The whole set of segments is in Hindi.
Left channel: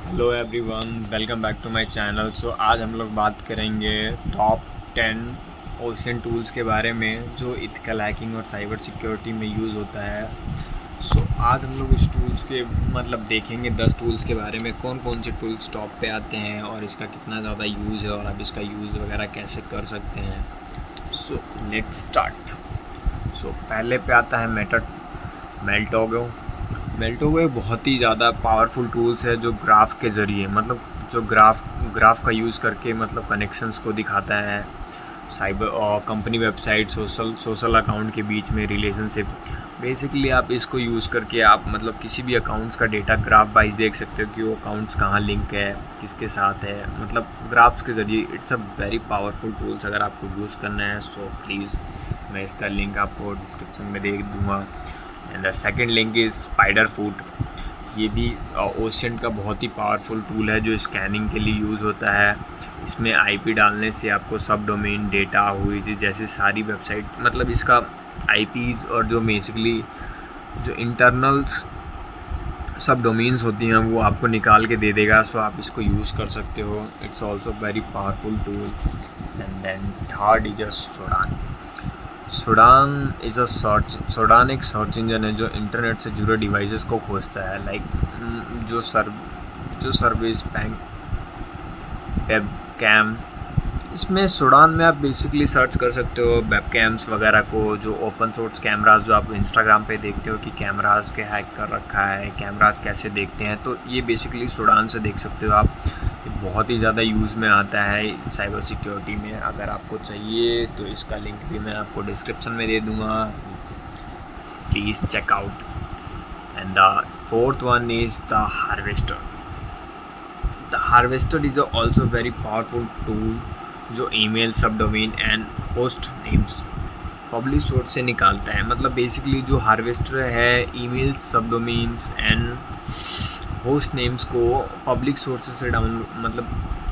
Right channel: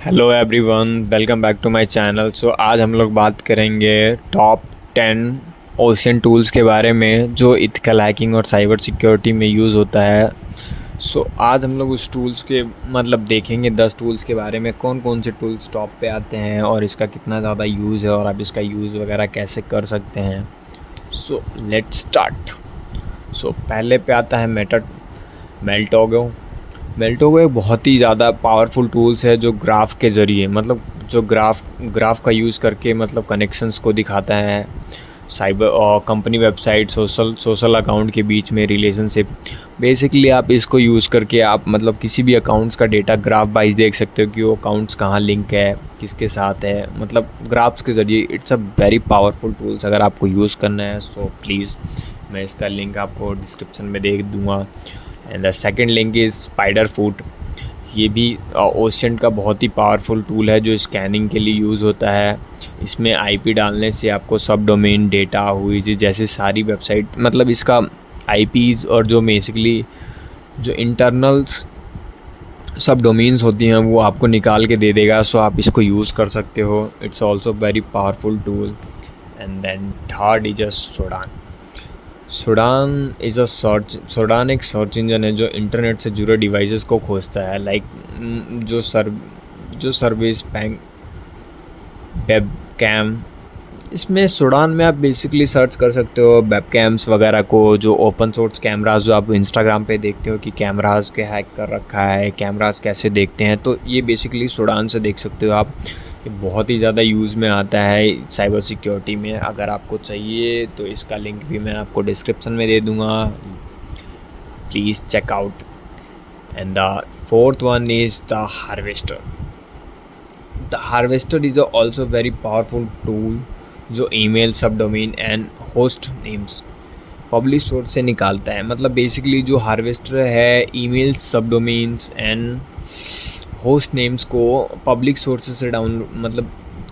Hello everyone, welcome back to my channel. आज हम लोग बात करेंगे टॉप 10 ओशन टूल्स के बारे में जो इथिकल हैकिंग और साइबर सिक्योरिटी में यूज़ होता है। आज हम लोग उस टूल्स के देखेंगे 10 टूल्स के बारे में, कौन कौन से टूल्स टॉप पे आते हैं और इसका कितना ज़्यादा यूज़ है और आप इसका यूज़ वगैरह कैसे कर सकते हैं। Let's start. पहले पे आता है मेल्टोगो। मेल्टोगो एक बहुत ही ज़्यादा पावरफुल टूल्स है जो ग्राफ के ज़रिए जो ग्राफ का यूज़ करके कनेक्शंस को दिखाता है। साइबर और कंपनी वेबसाइट सोशल अकाउंट के बीच में रिलेशनशिप। बेसिकली आप इसको यूज़ करके आप किसी भी अकाउंट्स का डेटा ग्राफ वाइज देख सकते हो कि वो अकाउंट्स कहाँ लिंक है, किसके साथ है, ग्राफ्स के ज़रिए। It's a very powerful tools. अगर आपको यूज़ करना है प्लीज़ मैं इसका लिंक आपको डिस्क्रिप्शन में दे दूँगा। And the second link is spider foot. ये भी ओशन का बहुत ही पावरफुल टूल है जो स्कैनिंग के लिए यूज़ होता है। इसमें आईपी डालने से आपको सब डोमेन डेटा हुई जैसे सारी वेबसाइट इसका आईपीज़ और जो बेसिकली जो इंटरनल्स सब डोमेन्स होती हैं वो आपको निकाल के दे देगा। आप इसको यूज़ कर सकते हो। It's also very powerful tool. And then third is a Shodan. Shodan एक सर्च इंजन है जो इंटरनेट से जुड़े डिवाइसेस को खोजता है, जो सर्विस बैंक वेब कैम। इसमें सोडान में आप बेसिकली सर्च कर सकते हो वेब कैम्स वगैरह को, जो ओपन सोर्स कैमरास जो आप इंस्टाग्राम पे देखते हो कि कैमरास के हैक कर रखा है, कैमरास कैसे देखते हैं, तो ये बेसिकली सोडान से देख सकते हो आप। ये बहुत ही ज़्यादा यूज़ में आता है साइबर सिक्योरिटी में। अगर आपको चाहिए तो इसका लिंक भी मैं आपको डिस्क्रिप्शन में दे दूँगा, please check out. And the fourth one is the harvester. The harvester is also very powerful tool जो email, subdomain and host names public source से निकालता है। बेसिकली जो हार्वेस्टर है email, subdomains and host names को पब्लिक सोर्सेज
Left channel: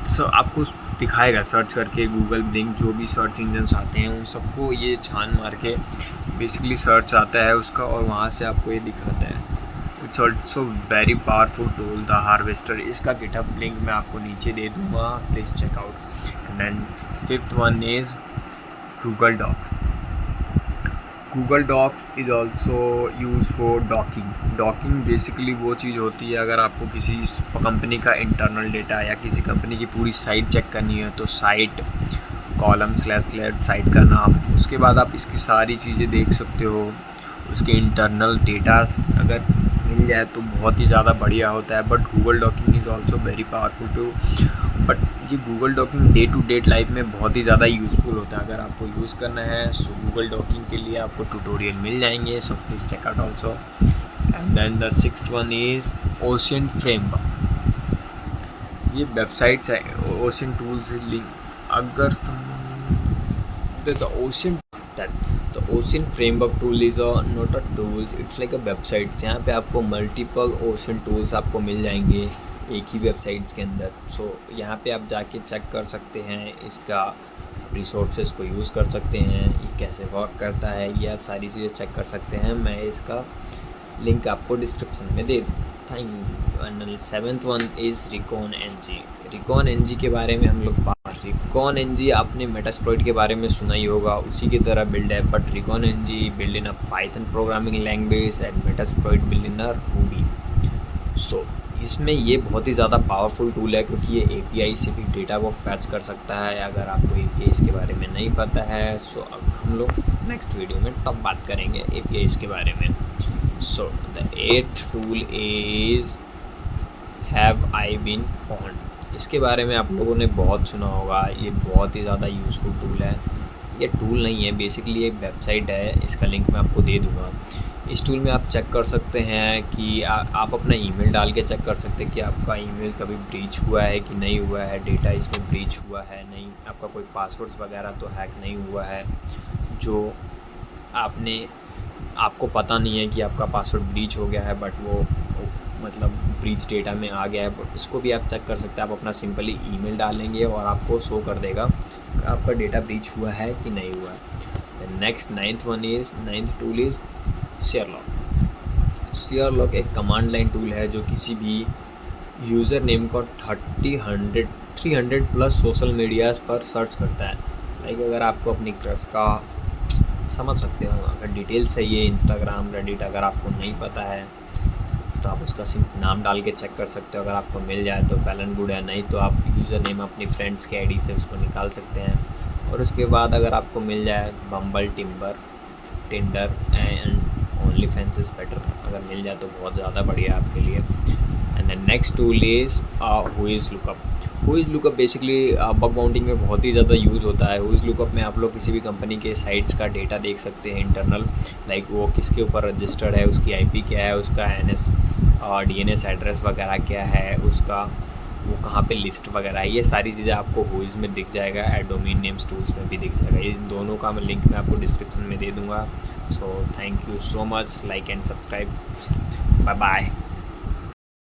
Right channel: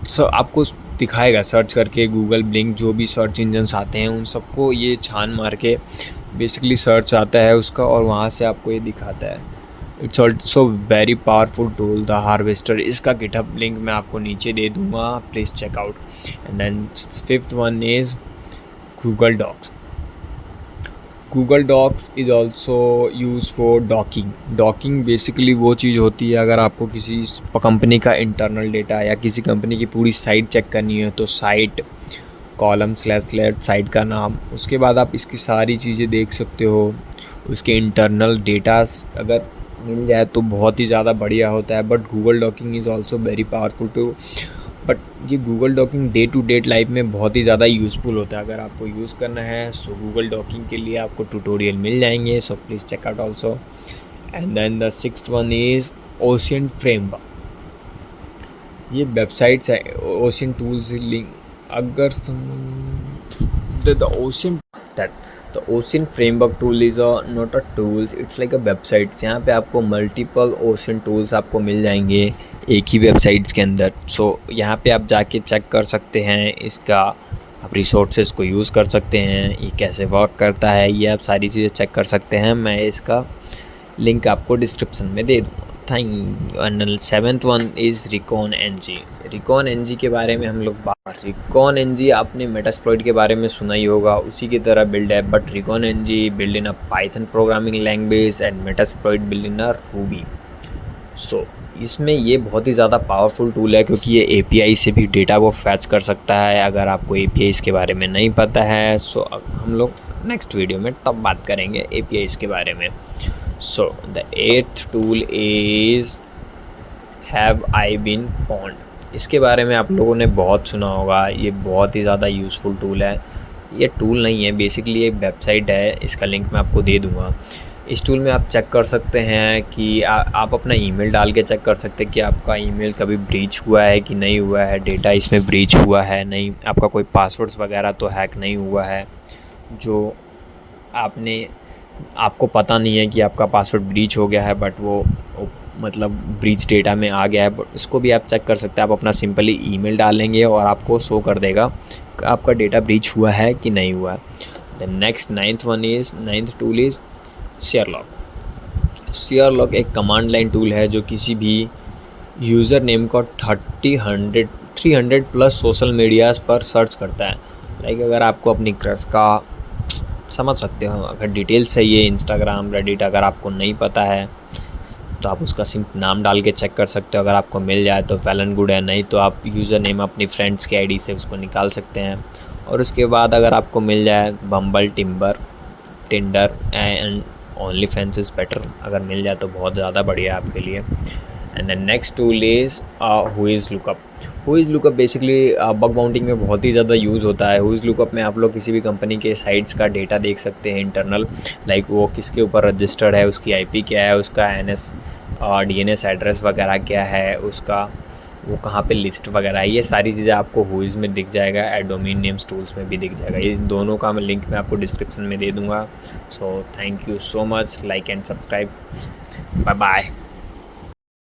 से आपको दिखाएगा सर्च करके। गूगल, ब्लिंक, जो भी सर्च इंजन्स आते हैं उन सबको ये छान मार के बेसिकली सर्च आता है उसका और वहाँ से आपको ये दिखाता है। It's also very powerful tool the harvester. इसका गिटहब लिंक मैं आपको नीचे दे दूँगा, please check out. And then fifth one is Google dorks. Google dorks is also use for dorking basically वो चीज़ होती है, अगर आपको किसी कंपनी का इंटरनल डेटा या किसी कंपनी की पूरी साइट चेक करनी है तो साइट कॉलम / साइट का नाम, उसके बाद आप इसकी सारी चीज़ें देख सकते हो। उसके इंटरनल डेटास अगर मिल जाए तो बहुत ही ज़्यादा बढ़िया होता है। But Google dorking is also very powerful too. But ये Google dorking day to day life में बहुत ही ज़्यादा यूज़फुल होता है। अगर आपको यूज़ करना है गूगल डॉकिंग के लिए आपको ट्यूटोरियल मिल जाएंगे, please check out also. And then the sixth one is OSINT framework. ये वेबसाइट्स है ओशन टूल से लिंक। अगर the OSINT the OSINT framework tool is not a tools, it's like a website जहाँ पे आपको मल्टीपल ओशन टूल्स आपको मिल जाएंगे एक ही वेबसाइट्स के अंदर। यहाँ पे आप जाके चेक कर सकते हैं इसका, आप रिसोर्सेज को यूज़ कर सकते हैं, ये कैसे वर्क करता है, ये आप सारी चीज़ें चेक कर सकते हैं। मैं इसका लिंक आपको डिस्क्रिप्शन में दे दूँ। And seventh one is recon NG. Recon NG के बारे में हम लोग रिकॉन एनजी आपने मेटास्प्लॉइट के बारे में सुना ही होगा, उसी की तरह बिल्ड है। But recon NG build in a Python programming language and Metasploit build in a Ruby. इसमें ये बहुत ही ज़्यादा पावरफुल टूल है क्योंकि ये एपीआई से भी डेटा को फैच कर सकता है। अगर आपको एपीआई के बारे में नहीं पता है अब हम लोग नेक्स्ट वीडियो में तब बात करेंगे एपीआई के बारे में। The eighth tool is have I been pwned. इसके बारे में आप लोगों ने बहुत सुना होगा, ये बहुत ही ज़्यादा यूज़फुल टूल है। ये टूल नहीं है, बेसिकली एक वेबसाइट है, इसका लिंक मैं आपको दे दूँगा। इस टूल में आप चेक कर सकते हैं कि आप अपना ईमेल डाल के चेक कर सकते हैं कि आपका ईमेल कभी ब्रीच हुआ है कि नहीं हुआ है, डेटा इसमें ब्रीच हुआ है नहीं, आपका कोई पासवर्ड्स वगैरह तो हैक नहीं हुआ है, जो आपको पता नहीं है कि आपका पासवर्ड ब्रीच हो गया है बट वो ब्रीच डेटा में आ गया है। बट उसको भी आप चेक कर सकते हैं। आप अपना सिंपली ईमेल डालेंगे और आपको शो कर देगा कि आपका डेटा ब्रीच हुआ है कि नहीं हुआ है। The next ninth tool is Sherlock. Sherlock एक कमांड लाइन टूल है जो किसी भी यूज़र नेम को 300 प्लस सोशल मीडियाज़ पर सर्च करता है। लाइक अगर आपको अपनी क्रश का, समझ सकते हो, अगर डिटेल्स चाहिए इंस्टाग्राम, रेडिट, अगर आपको नहीं पता है तो आप उसका सिर्फ नाम डाल के चेक कर सकते हो। अगर आपको मिल जाए तो वेल एंड गुड है, नहीं तो आप यूज़र नेम अपनी फ्रेंड्स के आईडी से उसको निकाल सकते हैं। और उसके बाद अगर आपको मिल जाए Bumble, Tinder and OnlyFans is better, अगर मिल जाए तो बहुत ज़्यादा बढ़िया है आपके लिए। And the next tool is whois lookup. Whois lookup basically bug bounting में बहुत ही ज़्यादा यूज़ होता है। हुइज़ लुकअप में आप लोग किसी भी कंपनी के साइट्स का डेटा देख सकते हैं इंटरनल, लाइक वो किसके ऊपर रजिस्टर्ड है, उसकी आईपी क्या है, उसका एनएस और डीएनएस एड्रेस वगैरह क्या है, उसका वो कहाँ पे लिस्ट वगैरह है, ये सारी चीज़ें आपको हुइज़ में दिख जाएगा। डोमेन नेम्स टूल्स में भी दिख जाएगा। इन दोनों का मैं लिंक मैं आपको डिस्क्रिप्शन में दे दूँगा। So thank you so much, like and subscribe, bye bye.